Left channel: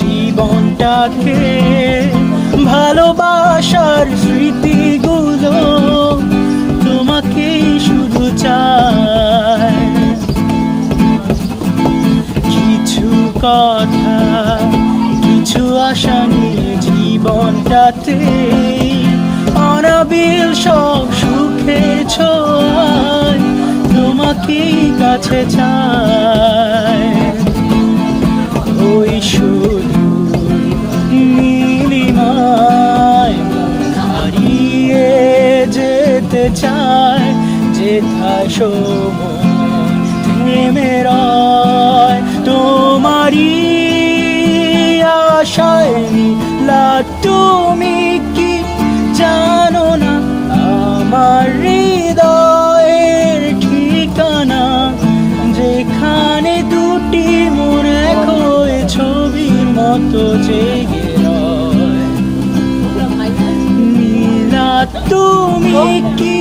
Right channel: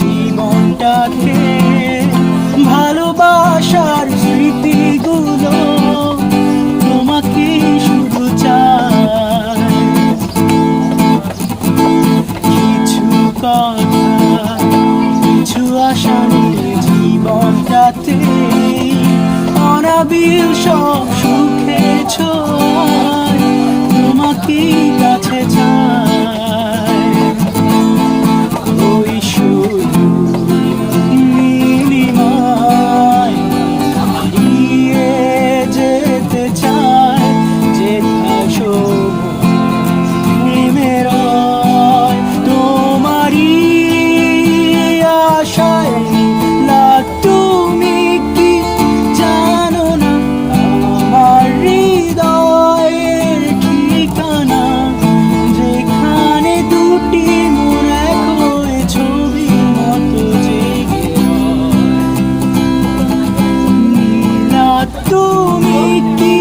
জীবনটাকে ভালোবাসার স্মৃতিগুলো তোমাকে শুধু চাই। কিছু কথা কিছু আশা নিয়ে জীবনটাতে অনাবিল সব সুখের ছোঁয়ায় তোমাকে কাছে চাই। ওই শুধু নীলিমায় হারিয়ে যেতে চায়, যেথায় সময় থেমে রয় তোমারই আশায়। তুমি কি জানো না আমার হৃদয়ের ঠিকানা, যেখানে দুটি মন এক হয়ে ছবির মতো জেগে রয়। নীলা তুমি কি